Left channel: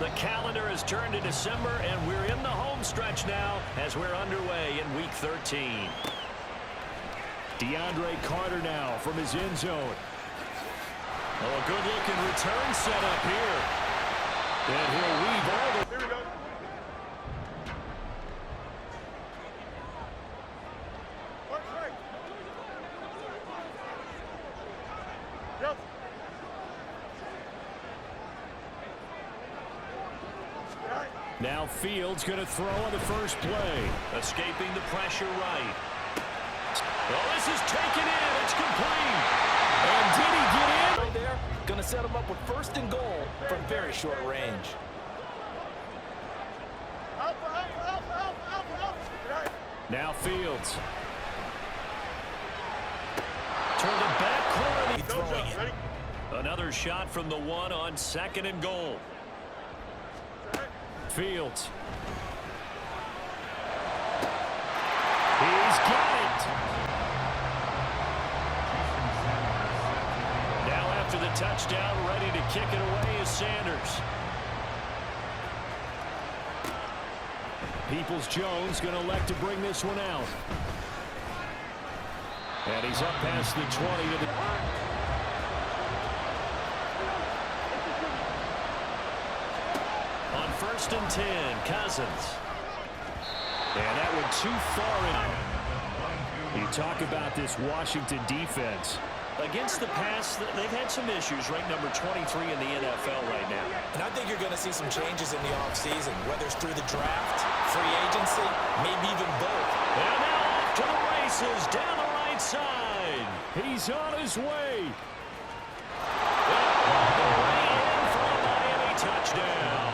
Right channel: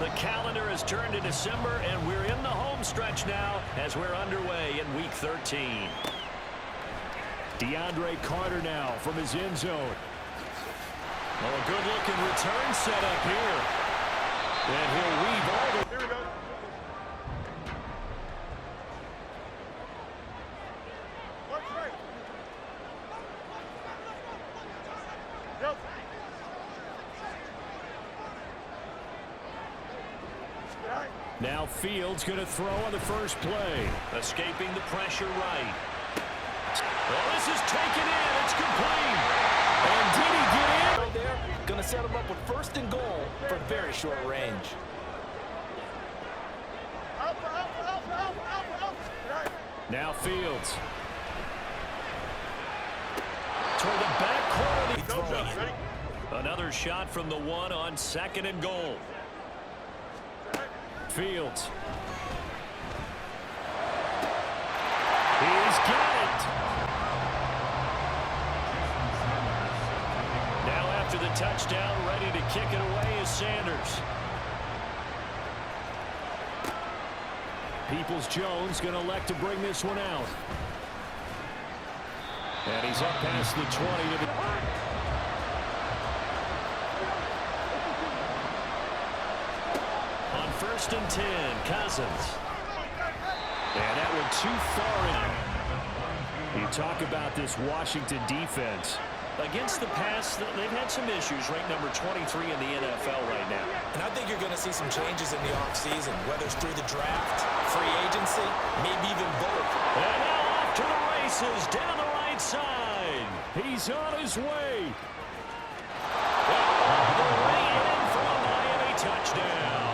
The calendar has turned to December, and we're in the home stretch now as we're underway in Week 13. DeAndre Carter now from his end zone. Oh, a good-looking return set up here. And he'll weave all the... Here we go. Watch right. Yep. Now Fields going to throw on the first play. Escaping the pressure right. Oh, this is taken in. It's complete. And did he get in? Right there, going to set him up with 1st and goal from very short range. Now Fields. Toward the back corner. He's throwing it. Another shot from the 1 on 2nd and goal. Fields. He's got it. Now after the touchdown, ready to kick it away is Sanders. Peoples-Jones going to elect to bring this one out. And he's up past the 20 to the... On 1st and 10, Cousins. And that went too far in. You talk about this Washington defense. Against the pass, they've had some issues. Ranked number 23 in the NFL right now. And I think you're going to see some changes in the offseason, whether it's through the draft, free agency, maybe even both. And now off to the races down the right side. He's on his way. And all the way in for a Miami touchdown.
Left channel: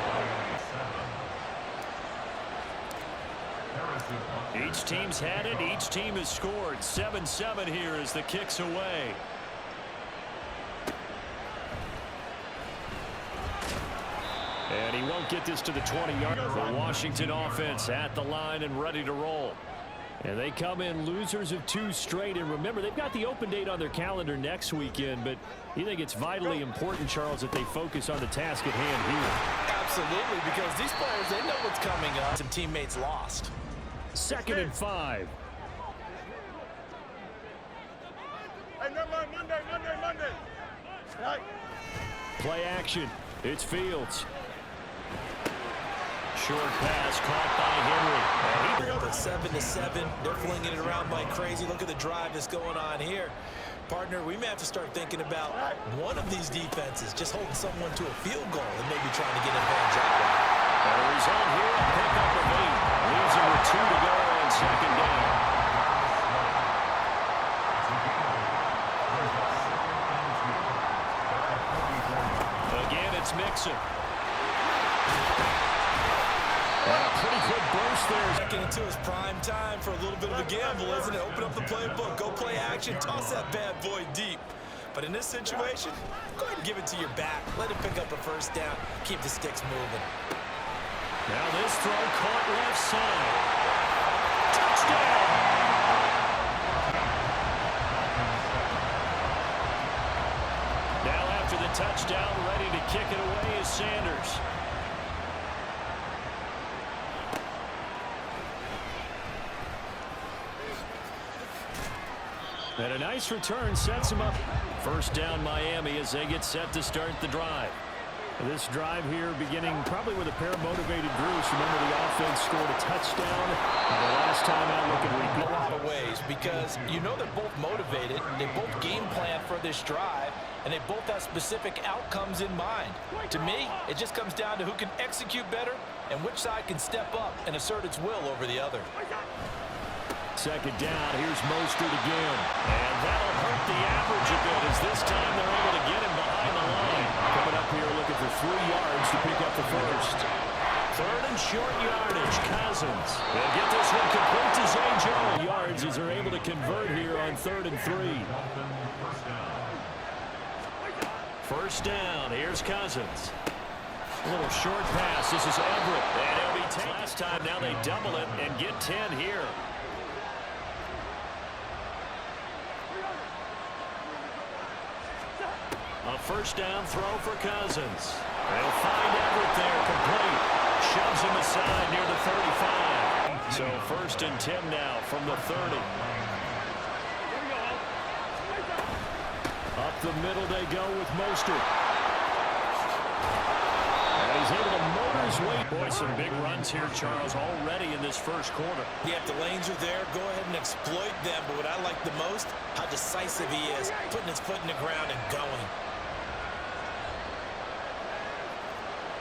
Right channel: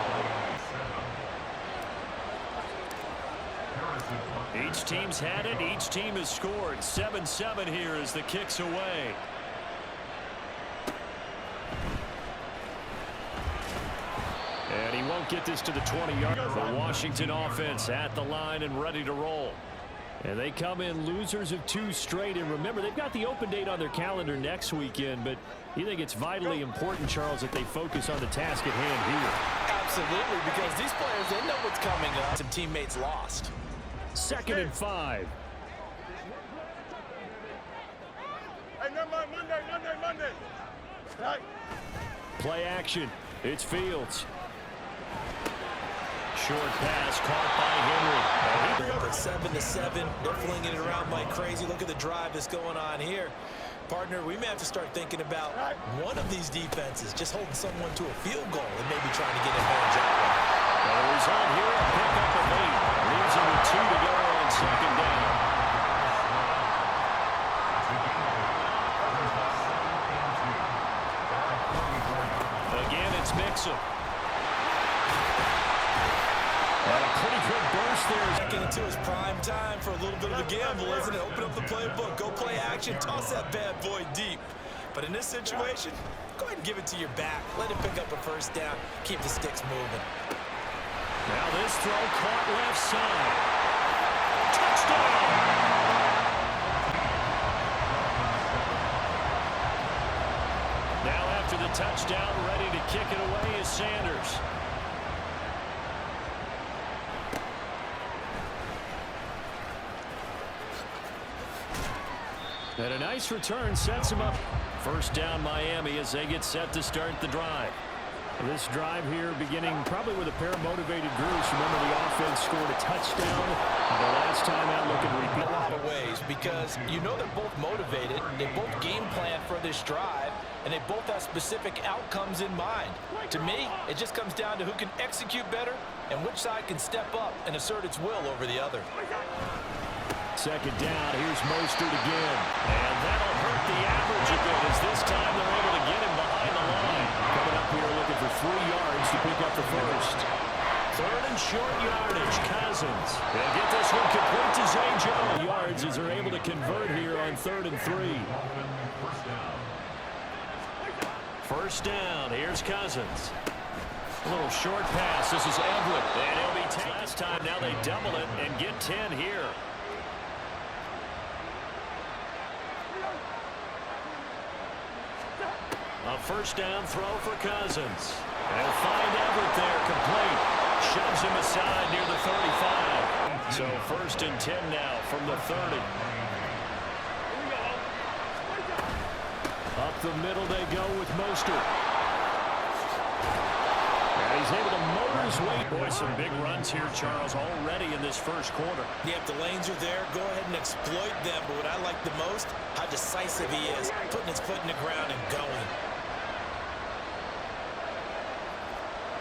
Each team's had it. Each team has scored. 7-7 here as the kick's away. And he won't get this to the 20-yard. The Washington offense at the line and ready to roll. And they come in losers of 2 straight. And remember, they've got the open date on their calendar next weekend. But you think it's vitally important, Charles, that they focus on the task at hand here. Absolutely, because these players, they know what's coming up. Some teammates lost. 2nd and 5. Hey, never mind. Monday. Right. Play action. It's Fields. Short pass caught by Henry. 7-7. They're flinging it around like crazy. Look at the drive that's going on here. Partner, we may have to start thinking about one of these defenses just holding someone to a field goal and maybe trying to get advantage that way. And the result here, a pickup of 8. Leaves him with 2 to go on 2nd down. Again, it's Mixon. And a pretty good burst there. Second into his prime time for a little bit of a gamble, isn't it? Open up the playbook, go play action, toss that bad boy deep. But in this situation, go ahead and give it to your back. Let him pick up a 1st down. Keep the sticks moving. Now this throw caught left side. Touchdown! Now after the touchdown, ready to kick it away is Sanders. And a nice return sets him up. 1st down Miami as they get set to start the drive. This drive here beginning probably with a pair of motivated Bruce. Remember, the offense scored a touchdown the last time out. Looking to repeat. A lot of ways, because you know they're both motivated. They both game plan for this drive, and they both have specific outcomes in mind. To me, it just comes down to who can execute better and which side can step up and assert its will over the other. 2nd down. Here's Mostert again. And that'll hurt the average a bit as this time they're able to get him behind the line. Coming up here looking for 3 yards to pick up the 1st. 3rd and short yardage. Cousins. They'll get this one complete to Zay Jones. Yards as they're able to convert here on 3rd and 3. 1st down. Here's Cousins. A little short pass. This is Everett. And he'll be taken. Last time, now they double it and get 10 here. A 1st down throw for Cousins. They'll find Everett there, complete. Shoves him aside near the 35. So 1st and 10 now from the 30. Up the middle they go with Mostert. And he's able to motor his way. Boy, some big runs here, Charles, already in this first quarter. Yeah, if the lanes are there, go ahead and exploit them. But what I like the most, how decisive he is, putting his foot in the ground and going.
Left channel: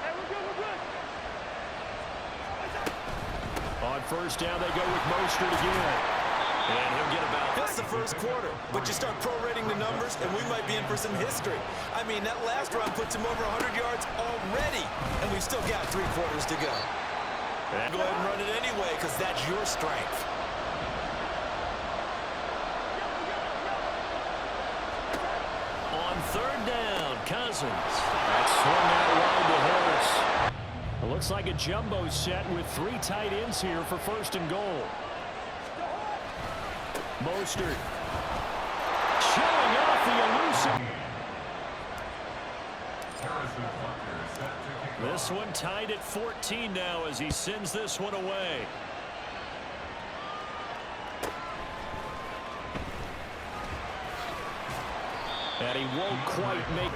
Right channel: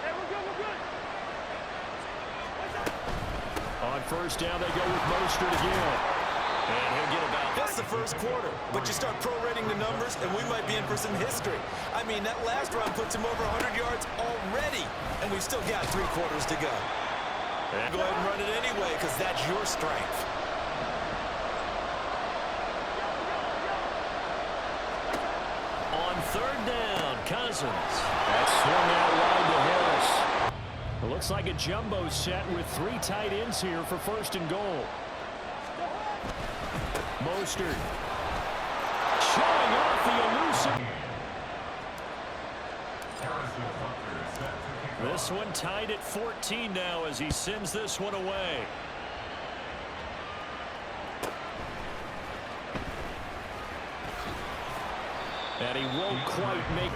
Hey, we're good, we're good. On 1st down, they go with Mostert again. And he'll get about... That's the first quarter, but you start prorating the numbers, and we might be in for some history. I mean, that last run puts him over 100 yards already, and we've still got 3 quarters to go. And Go ahead and run it anyway, because that's your strength. on 3rd down, Cousins. That swung out wide to Harris. It looks like a jumbo set with 3 tight ends here for 1st and goal. Mostert showing off the elusive. This one tied at 14 now as he sends this one away. And he won't quite make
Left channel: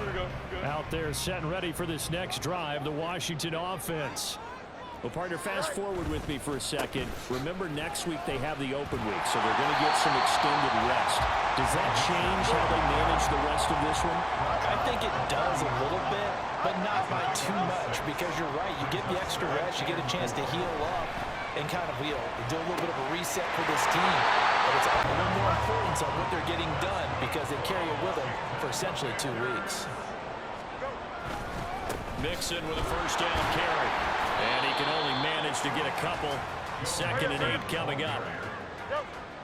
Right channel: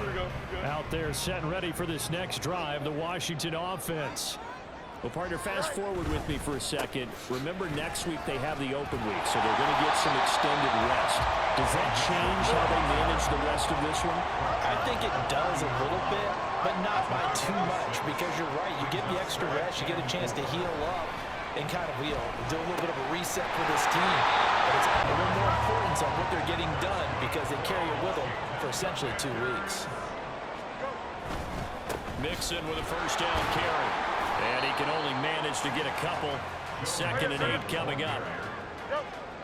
out there, set and ready for this next drive, the Washington offense. Well, partner, fast forward with me for a second. Remember, next week they have the open week, so they're going to get some extended rest. Does that change how they manage the rest of this one? I think it does a little bit, but not by too much, because you're right. You get the extra rest, you get a chance to heal up and kind of, do a little bit of a reset for this team. But it's a little more importance on what they're getting done because they carry it with them for essentially 2 weeks. Mixon with a 1st down carry. And he can only manage to get a couple. 2nd and 8 coming up.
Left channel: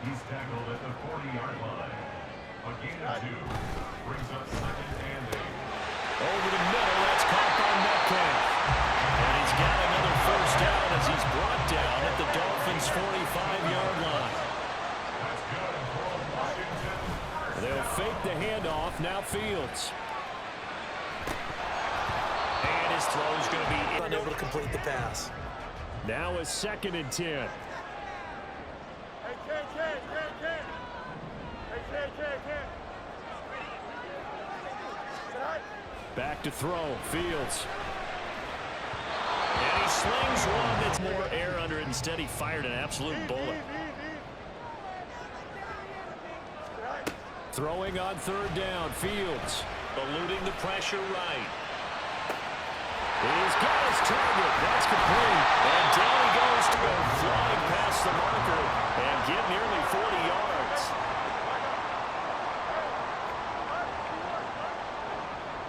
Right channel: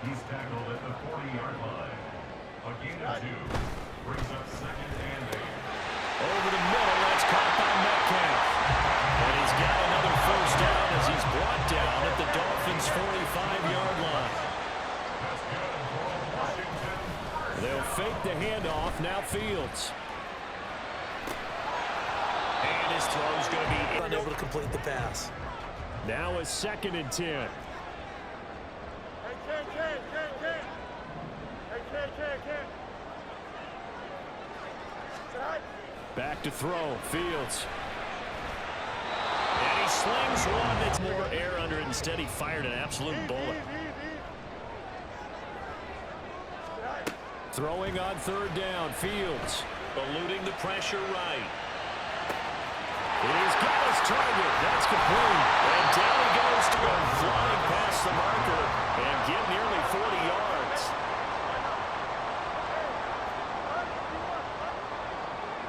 He's tackled at the 40-yard line. A gain of 2 brings up 2nd and 8. Over the middle, that's caught by Metcalf. And he's got another 1st down as he's brought down at the Dolphins' 45-yard line. That's good for Washington. They'll fake the handoff, now Fields. And his throw's going to be Unable to complete the pass. Now a 2nd and 10. Hey, Ken. Hey, Ken. Tonight. Back to throw, Fields. And he slings one that's more air under it. Instead, he fired an absolute bullet. Tonight. Throwing on 3rd down, Fields. Eluding the pressure right. He's got his target. That's complete. And down he goes to go flying past the marker and get nearly 40 yards.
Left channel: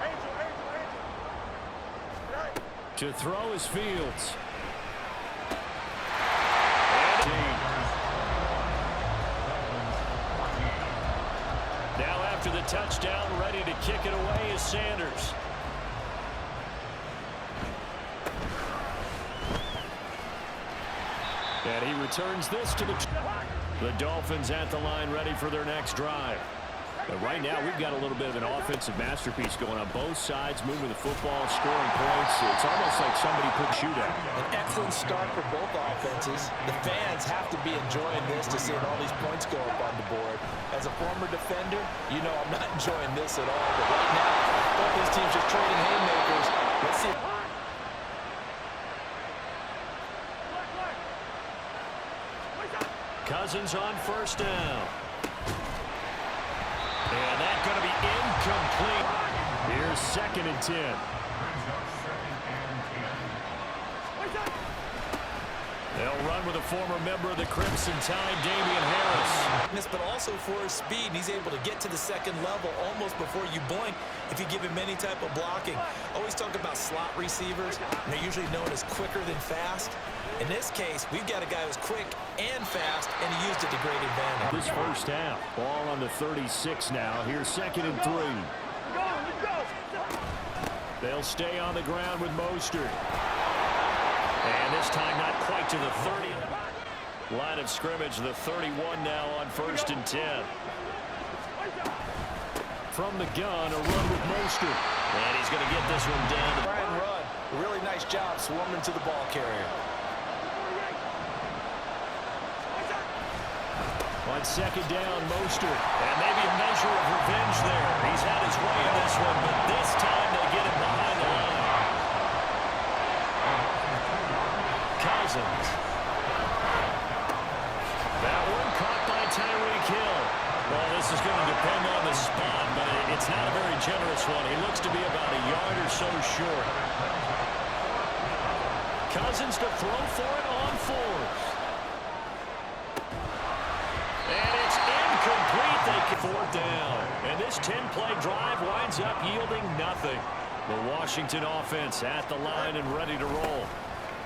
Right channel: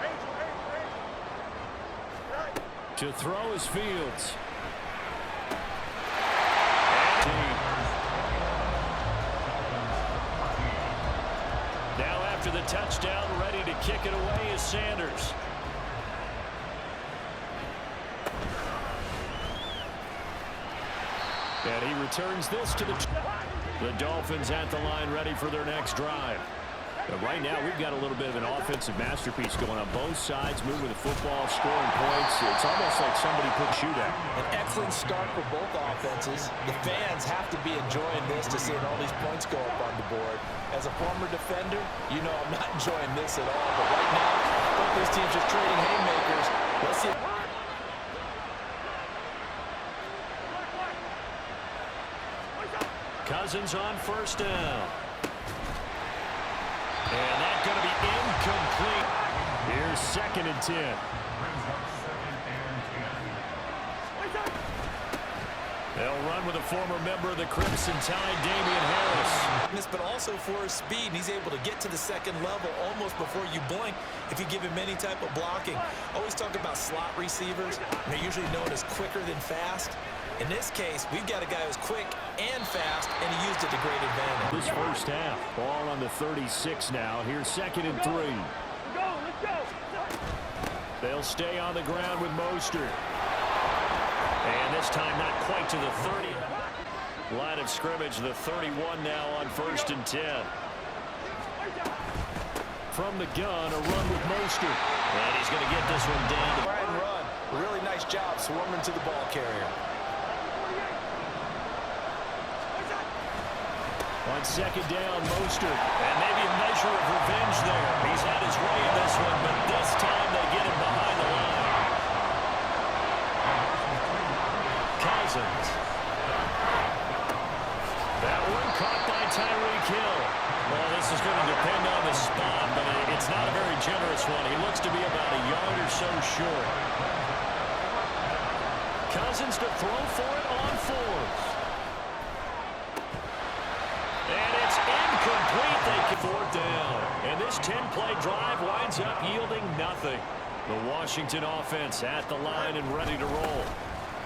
Angel. Tonight. To throw is Fields. And now after the touchdown, ready to kick it away is Sanders. And he returns this to the Dolphins at the line, ready for their next drive. And right now, we've got a little bit of an offensive masterpiece going on both sides, moving the football, scoring points. It's almost like somebody put shootout. An excellent start for both offenses. The fans have to be enjoying this to seeing all these points go up on the board. As a former defender, you know I'm not enjoying this at all. But right now, both these teams just trading haymakers. Let's see. Cousins on 1st down. And that's going to be incomplete. Here's 2nd and 10. Brings up 2nd and 10. They'll run with a former member of the Crimson Tide, Damian Harris. But also for his speed, and he's able to get to the 2nd level almost before you blink if you give him any type of blocking. Always talk about slot receivers, and they're usually known as quicker than fast. In this case, we've got a guy who's quick and fast, and he used it to great advantage. This 1st half, ball on the 36 now. Here's 2nd and 3. Let's go. They'll stay on the ground with Mostert. And this time not quite to the 30. Line of scrimmage, the 31 now on 1st and 10. From the gun, a run with Mostert. And he's going to get this one down. Try and run. A really nice job swarming to the ball carrier. On second down, Mostert. And maybe a measure of revenge there. He's had his way in this one, but this time they get him behind the line. Cousins. That one caught by Tyreek Hill. Well, this is going to depend on the spot, but it's not a very generous one. He looks to be about a yard or so short. Cousins to throw for it on fourth. And it's incomplete. They get fourth down. And this 10-play drive winds up yielding nothing. The Washington offense at the line and ready to roll.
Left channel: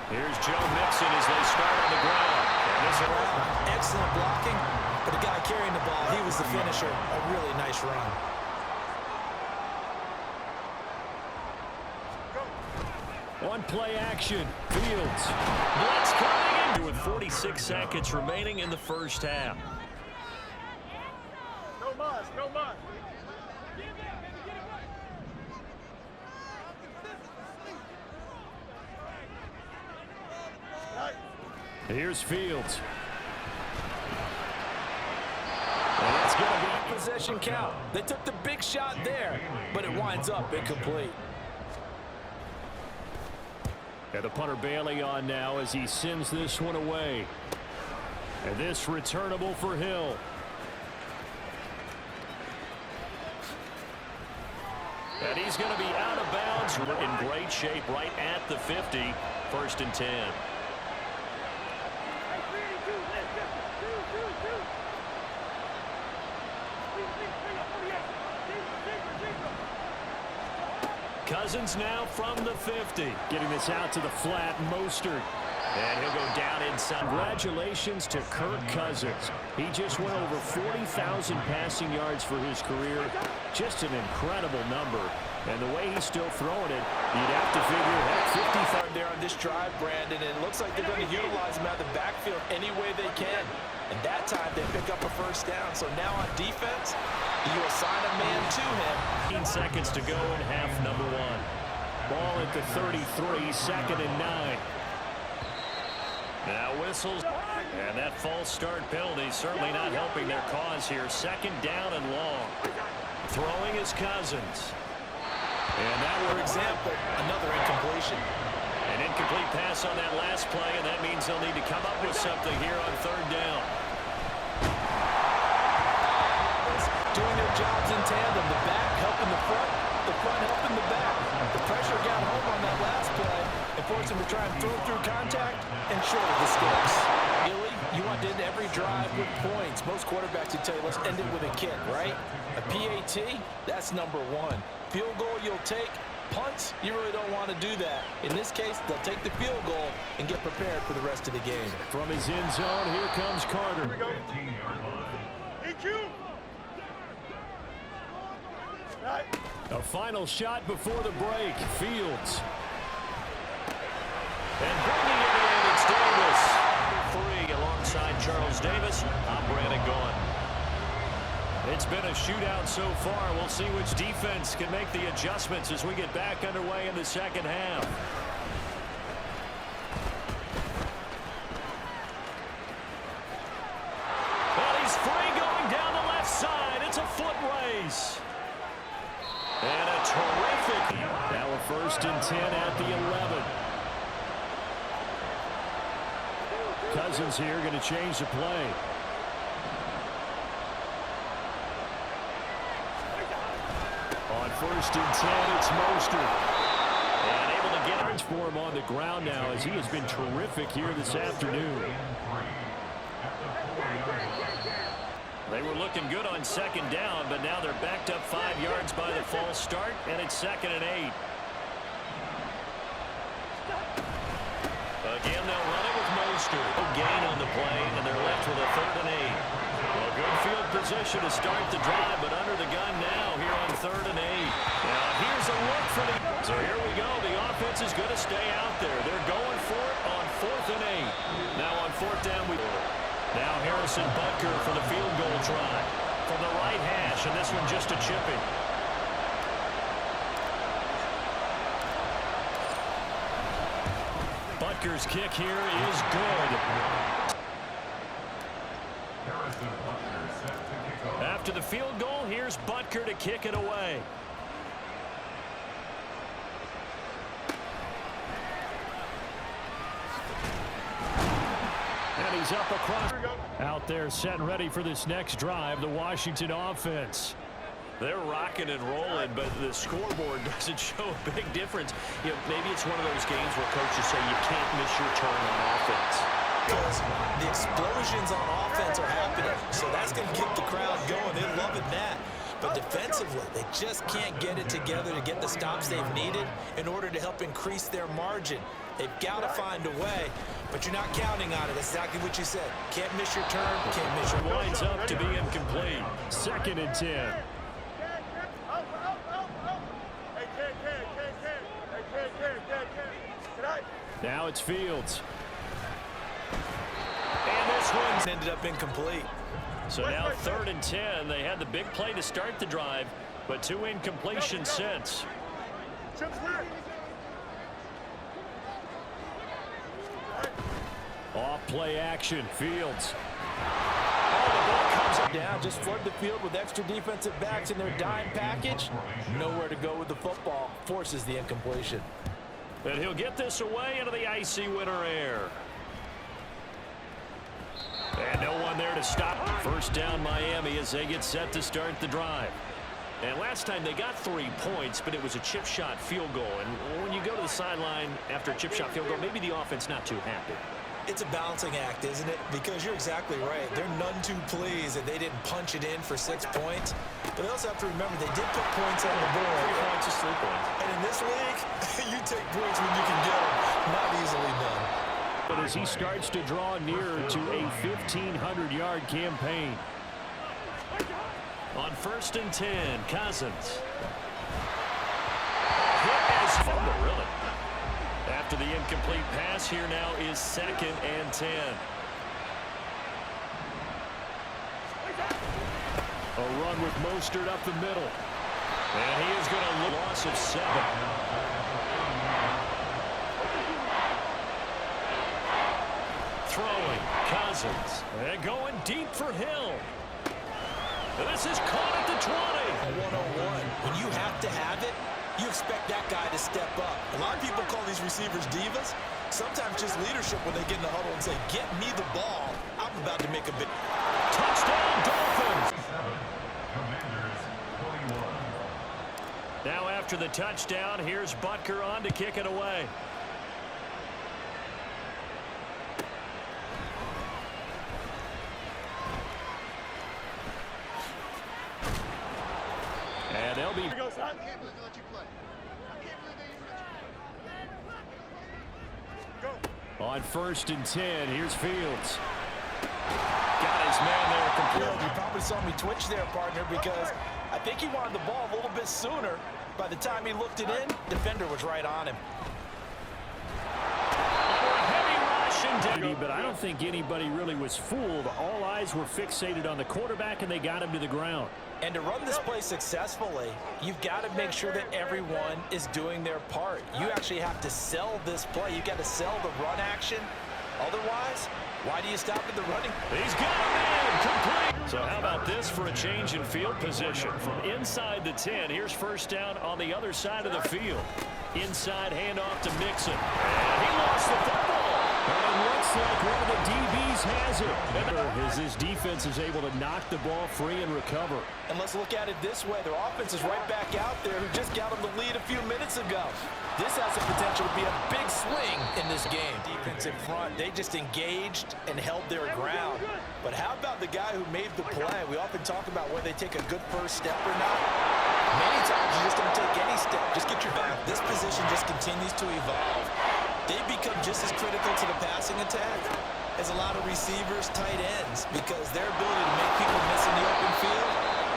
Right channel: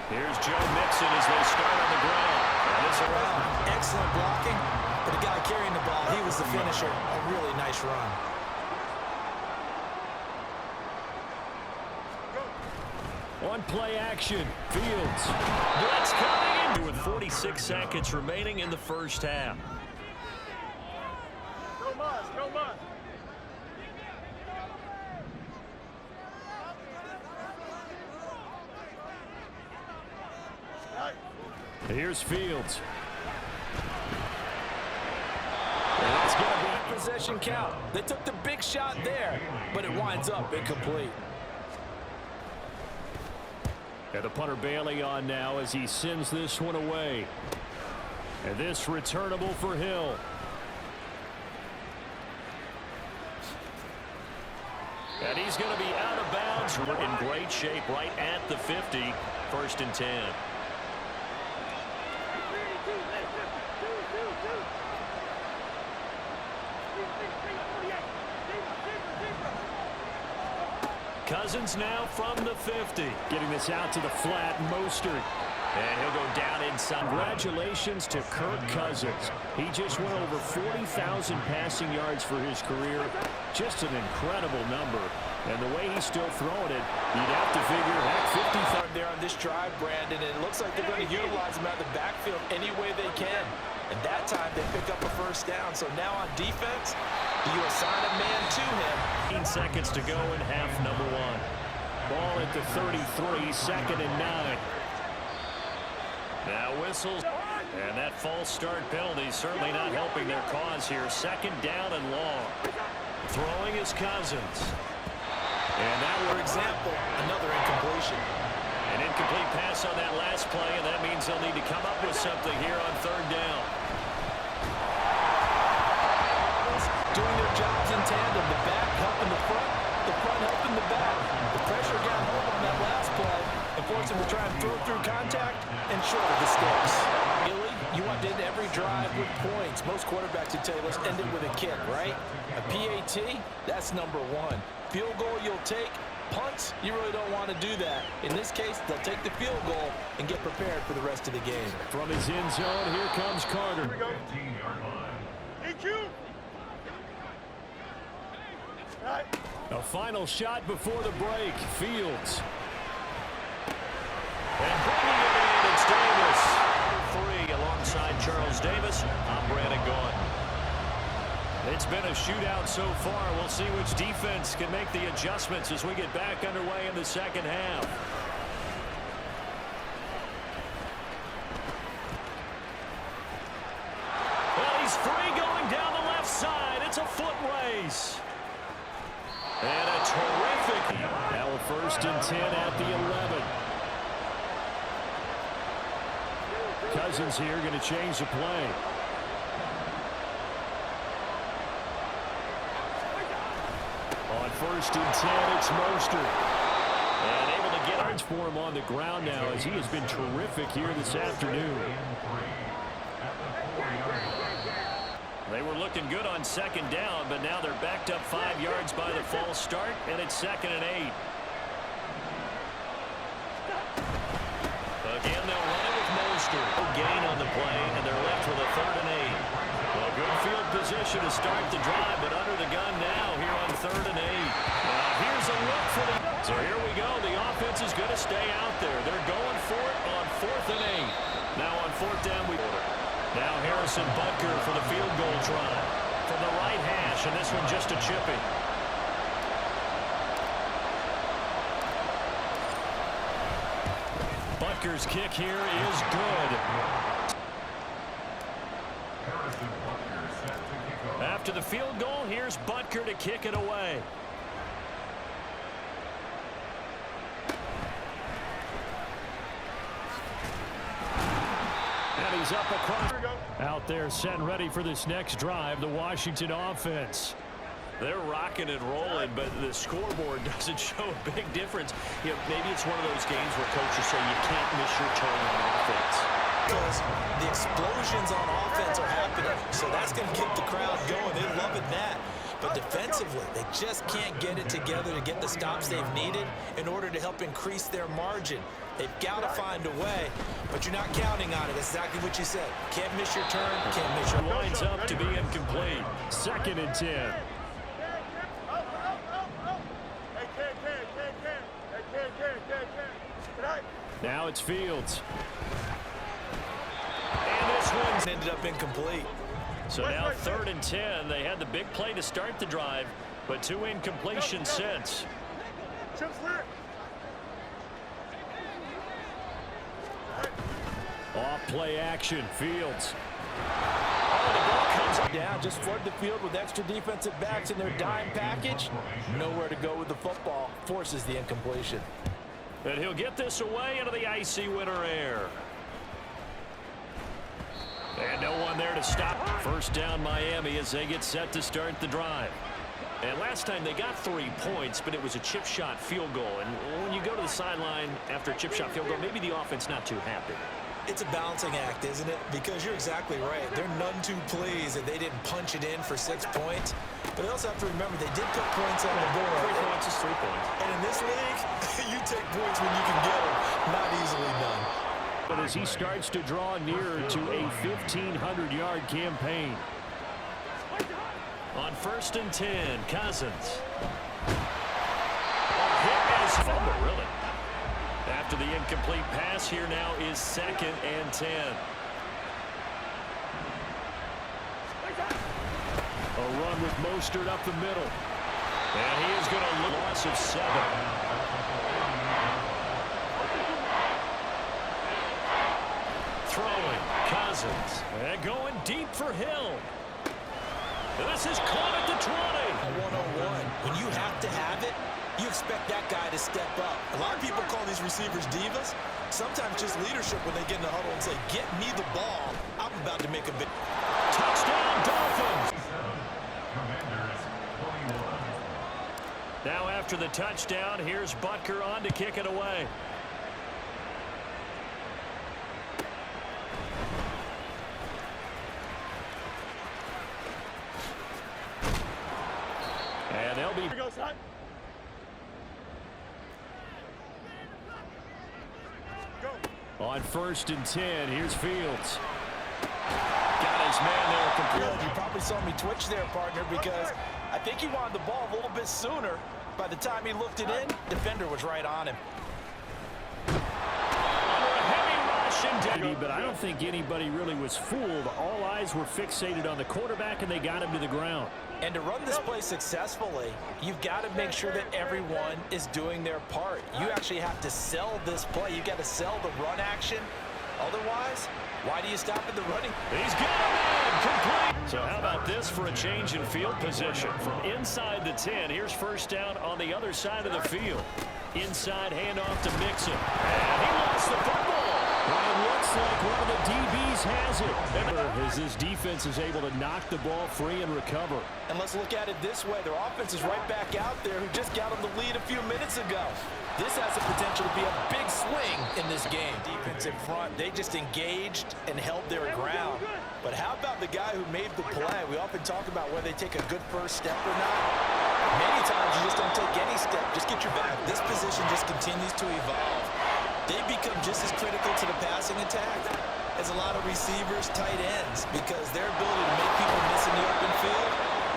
Here's Joe Mixon as they start on the ground. And this around. Excellent blocking, but the guy carrying the ball, he was the finisher. A really nice run. On play action, Fields. Blitz coming in with 46 seconds remaining in the first half. Go Mars, go Mars. Here's Fields. And that's going to be possession count. They took the big shot there, but it winds up incomplete. And the punter Bailey on now as he sends this one away. And this returnable for Hill. And he's going to be out of bounds. We're in great shape right at the 50. First and 10. Cousins now from the 50. Getting this out to the flat, Mostert. And he'll go down inside. Congratulations to Kirk Cousins. He just went over 40,000 passing yards for his career. Just an incredible number. And the way he's still throwing it, you'd have to figure, heck, 55 there on this drive, Brandon, and it looks like they're going to utilize him out of the backfield any way they can. And that time they pick up a first down. So now on defense, do you assign a man to him? 15 seconds to go in half number one. Ball at the 33, second and 9. Now whistles, and that false start penalty certainly not helping their cause here. Second down and long. Throwing is Cousins. And that, For example, another incompletion. an incomplete pass on that last play, and that means they'll need to come up with something here on third down. Doing their jobs in tandem. The back helping the front helping the back. The pressure got home on that last play and forced him to try and throw through contact and short of the sticks. Really, you want to end every drive with points. Most quarterbacks would tell you, let's end it with a kick, right? A PAT, that's number one. Field goal you'll take. Punts, you really don't want to do that. In this case, they'll take the field goal and get prepared for the rest of the game. From his end zone, here comes Carter. Here we go. EQ. Right. A final shot before the break. Fields. And bringing it in, it's Davis. 3 alongside Charles Davis. I'm Brandon Gaughan. It's been a shootout so far. We'll see which defense can make the adjustments as we get back underway in the second half. Well, he's free going down the left side. It's a foot race. And a terrific. Now a first and 10 at the 11. Cousins here going to change the play. On first and 10, it's Mostert. And able to get Yards for him on the ground now as he has been terrific here this afternoon. They were looking good on second down, but now they're backed up 5 yards by the false start, and it's second and 8. Again, they'll run it with Mostert. No gain on the play, and they're left with a third and 8. Well, good field position to start the drive, but under the gun now here on third and 8. Now, here's a look for the... So here we go. The offense is going to stay out there. They're going for it on fourth and 8. Now on fourth down, we order. Now Harrison Butker for the field goal try. From the right hash, and this one just a chipping. Butker's kick here is good. Harrison Butker set to kick off. After the field goal, here's Butker to kick it away. And he's up across. Out there set and ready for this next drive, the Washington offense. They're rocking and rolling, but the scoreboard doesn't show a big difference. You know, maybe it's one of those games where coaches say you can't miss your turn on offense. Because the explosions on offense are happening. So that's going to keep the crowd going. They're loving that. But defensively, they just can't get it together to get the stops they've needed in order to help increase their margin. They've got to find a way, but you're not counting on it. That's exactly what you said. Can't miss your turn, can't miss your... Winds up to be incomplete. 2nd and 10. Now it's Fields. And this one's Ended up incomplete. So now 3rd and 10. They had the big play to start the drive, but 2 incompletions since. Off play action. Fields. oh, the ball comes up. Down, just flood the field with extra defensive backs in their dime package. Nowhere to go with the football. Forces the incompletion. And he'll get this away into the icy winter air. And no one there to stop. First down Miami as they get set to start the drive. And last time they got 3 points, but it was a chip shot field goal. And when you go to the sideline after a chip shot field goal, maybe the offense not too happy. It's a balancing act, isn't it? Because you're exactly right. They're none too pleased that they didn't punch it in for 6 points. But they also have to remember they did put points on the board. 3 points is 3 points. And in this league, you take points when you can get them. Not easily done. But as he starts to draw nearer to a 1,500-yard campaign. On 1st and 10, Cousins. Hit as fumble, really. After the incomplete pass, here now is 2nd and 10. A run with Mostert up the middle. And he is going to loss of 7. Throwing, Cousins. And going deep for Hill. This is caught at the 20. A 101. When you have to have it, you expect that guy to step up. A lot of people call these receivers divas. Sometimes just leadership when they get in the huddle and say, get me the ball. I'm about to make a big... Touchdown, Dolphins. Commanders 21. Now after the touchdown, here's Butker on to kick it away. And they'll be... On 1st and 10, here's Fields. Got his man there complete. You probably saw me twitch there, partner, because I think he wanted the ball a little bit sooner. By the time he looked it in, defender was right on him. Under a heavy rush and but I don't think anybody really was fooled. All eyes were fixated on the quarterback, and they got him to the ground. And to run this play successfully, you've got to make sure that everyone is doing their part. You actually have to sell this play. You've got to sell the run action. Otherwise, why do you stop at the running? He's got him in, complete. So how about this for a change in field position? From inside the 10, here's 1st down on the other side of the field. Inside handoff to Mixon. And he lost the football. But it looks like one of the DBs has it. As his defense is able to knock the ball free and recover. And let's look at it this way. Their offense is right back out there who just got them the lead a few minutes ago. This has the potential to be a big swing in this game. Defensive front, they just engaged and held their ground. But how about the guy who made the play? We often talk about whether they take a good first step or not. Many times you just don't take any step. Just get your back. This position just continues to evolve. They become just as critical to the passing attack as a lot of receivers, tight ends, because their ability to make people miss in the open field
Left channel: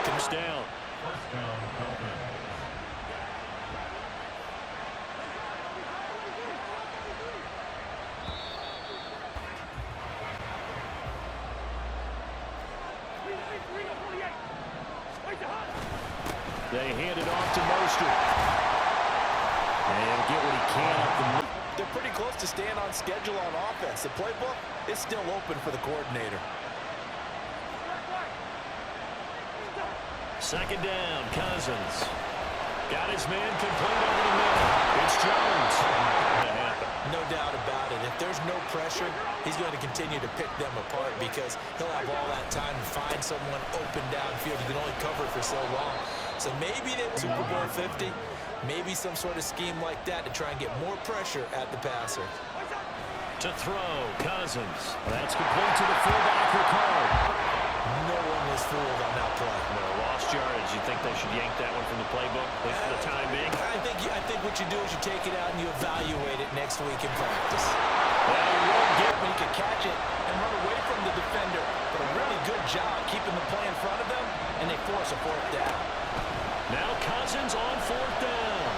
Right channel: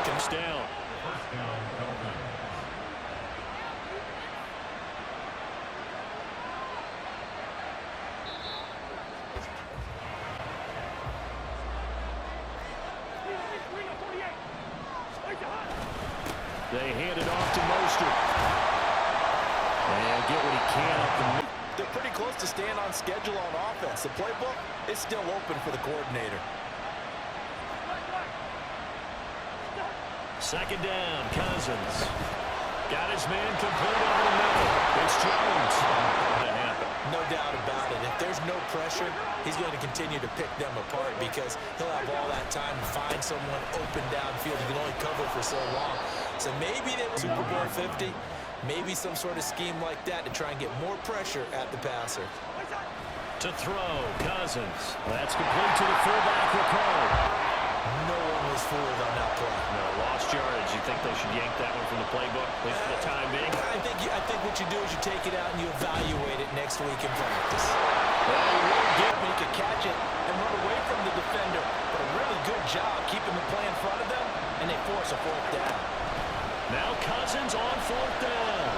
comes down. 1st down, Dolphins. They hand it off to Mostert. And get what he can up the middle. they're pretty close to staying on schedule on offense. The playbook is still open for the coordinator. Second down, Cousins. Got his man complete over the middle. It's Jones. That happened. No doubt about it. If there's no pressure, he's going to continue to pick them apart because he'll have all that time to find someone open downfield. He can only cover for so long. So maybe they will Super Bowl 50, maybe some sort of scheme like that to try and get more pressure at the passer. To throw, Cousins. That's complete to the fullback, Ricard. No one was fooled on that play. No, lost yardage. You think they should yank that one from the playbook, at least for the time being? I think what you do is you take it out and you evaluate it next week in practice. Well, he won't get He can catch it and run away from the defender, but a really good job keeping the play in front of them, and they force a fourth down. Now Cousins on fourth down.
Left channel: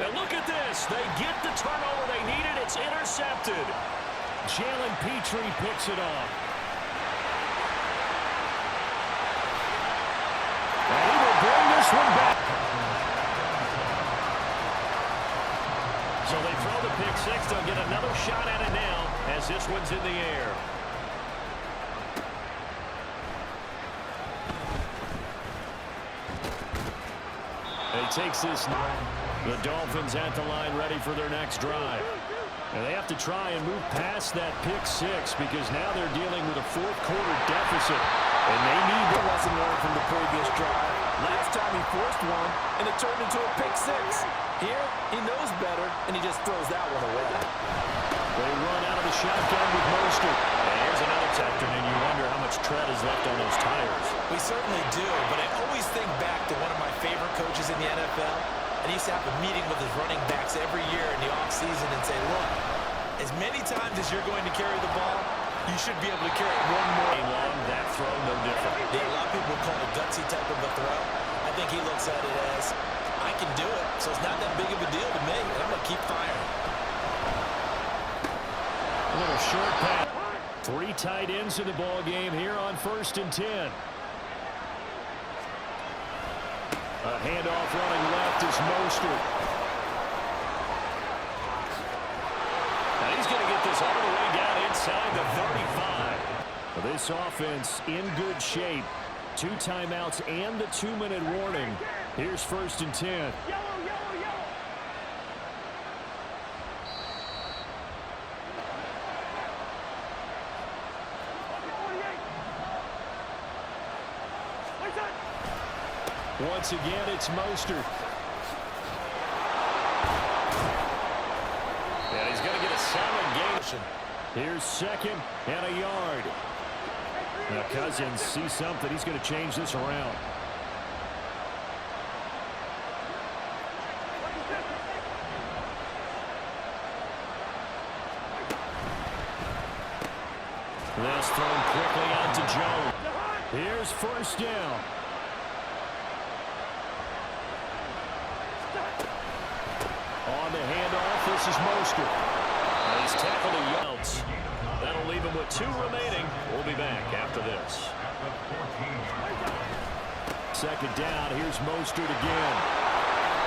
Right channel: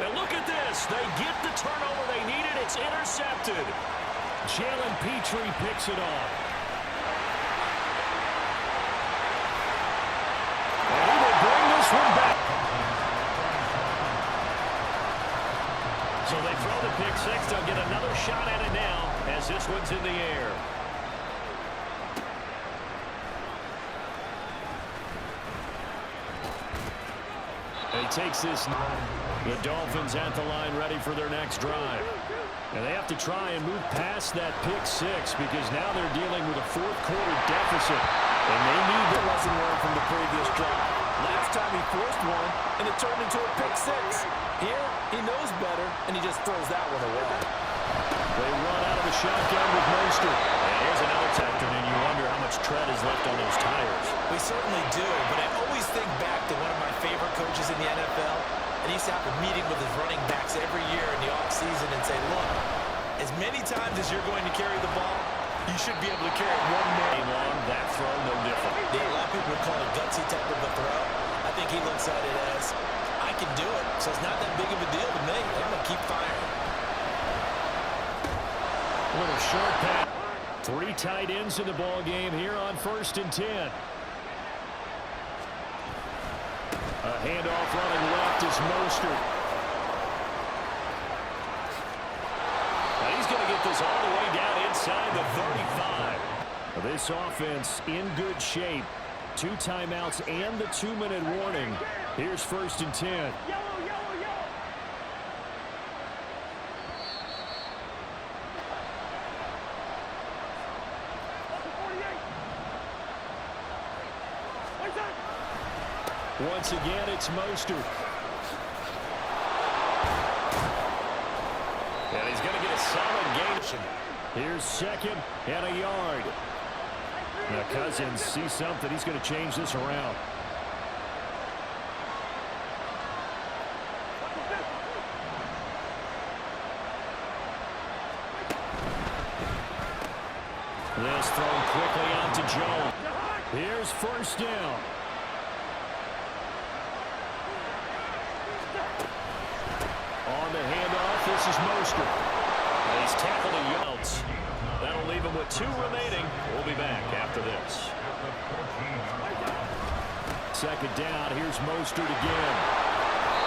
And look at this. They get the turnover they needed. It's intercepted. Jalen Petrie picks it off. And he will bring this one back. So they throw the pick six. They'll get another shot at it now as this one's in the air. And he takes this. The Dolphins at the line ready for their next drive. And they have to try and move past that pick six because now they're dealing with a fourth quarter deficit. And they need The lesson learned from the previous drive. Last time he forced one, and it turned into a pick six. Here, he knows better, and he just throws that one away. They run out of the shotgun with Mostert. And here's another tactic, and you wonder how much tread is left on those tires. We certainly do, but I always think back to one of my favorite coaches in the NFL, and he used to have a meeting with his running backs every year in the offseason and say, look, as many times as you're going to carry the ball, you should be able to carry it one more. Game long, that throw, no different. Yeah, a lot of people would call it a gutsy type of a throw. I think he looks at it as, I can do it, so it's not that big of a deal to me, and I'm going to keep firing. A little short pass. 3 tight ends in the ball game here on 1st and 10. A handoff running left is Mostert. Now he's going to get this all the way down inside the 35. This offense in good shape. 2 timeouts and the 2-minute warning. Here's 1st and 10. Yellow, yellow, yellow. Lucky 48. What's that? Once again, it's Mostert. And he's going to get a solid gain. Here's 2nd and a yard. Now Cousins sees something. He's going to change this around. This thrown quickly out to Jones. Here's 1st down. On the handoff, this is Mostert. And he's tackled a yards. That'll leave him with 2 remaining. We'll be back after this. 2nd down, here's Mostert again.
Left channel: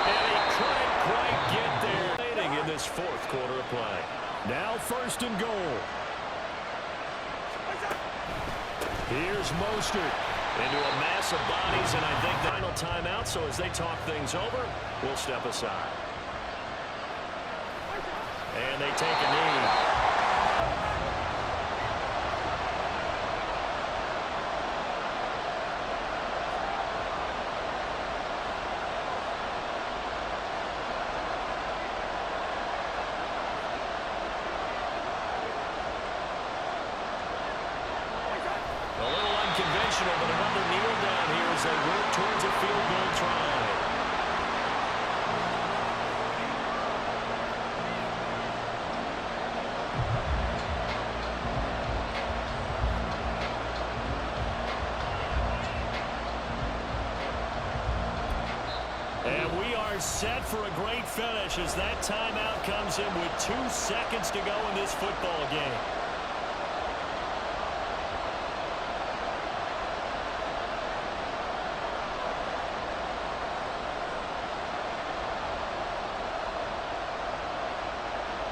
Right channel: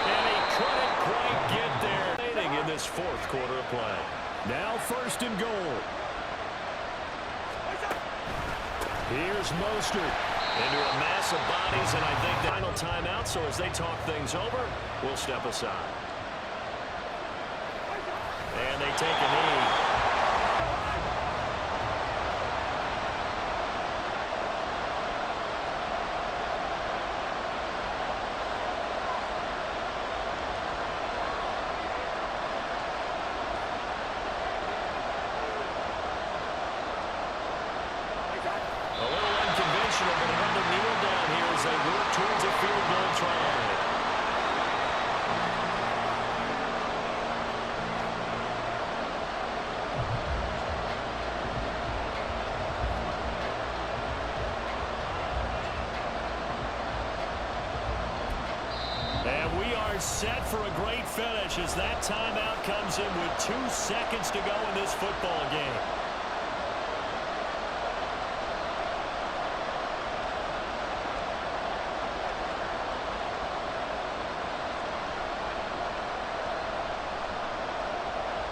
And he couldn't quite get there. In this 4th quarter of play. Now 1st and goal. Here's Mostert. Into a mass of bodies, and I think the final timeout, so as they talk things over, we'll step aside. And they take a knee. A little unconventional, but another kneel down here as they work towards a field goal try. And we are set for a great finish as that timeout comes in with 2 seconds to go in this football game.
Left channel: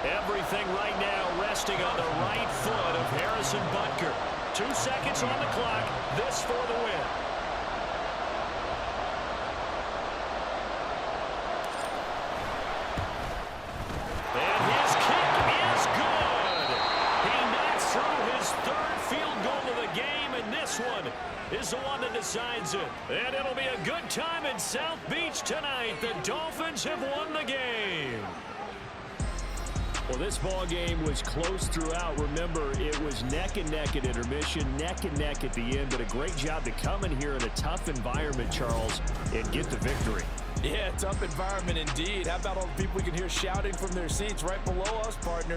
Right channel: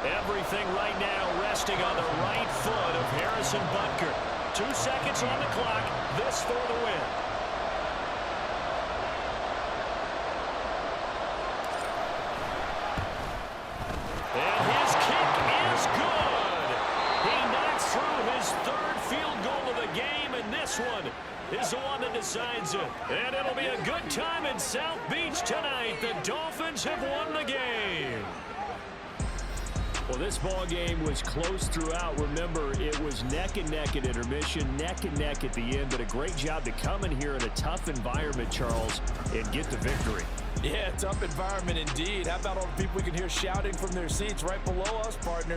Everything right now resting on the right foot of Harrison Butker. 2 seconds on the clock. This for the win. And his kick is good. He knocks through his third field goal of the game, and this one is the one that decides it. And it'll be a good time in South Beach tonight. The Dolphins have won the game. Well, this ball game was close throughout. Remember, it was neck and neck at intermission, neck and neck at the end, but a great job to come in here in a tough environment, Charles, and get the victory. Yeah, tough environment indeed. How about all the people we can hear shouting from their seats right below us, partner?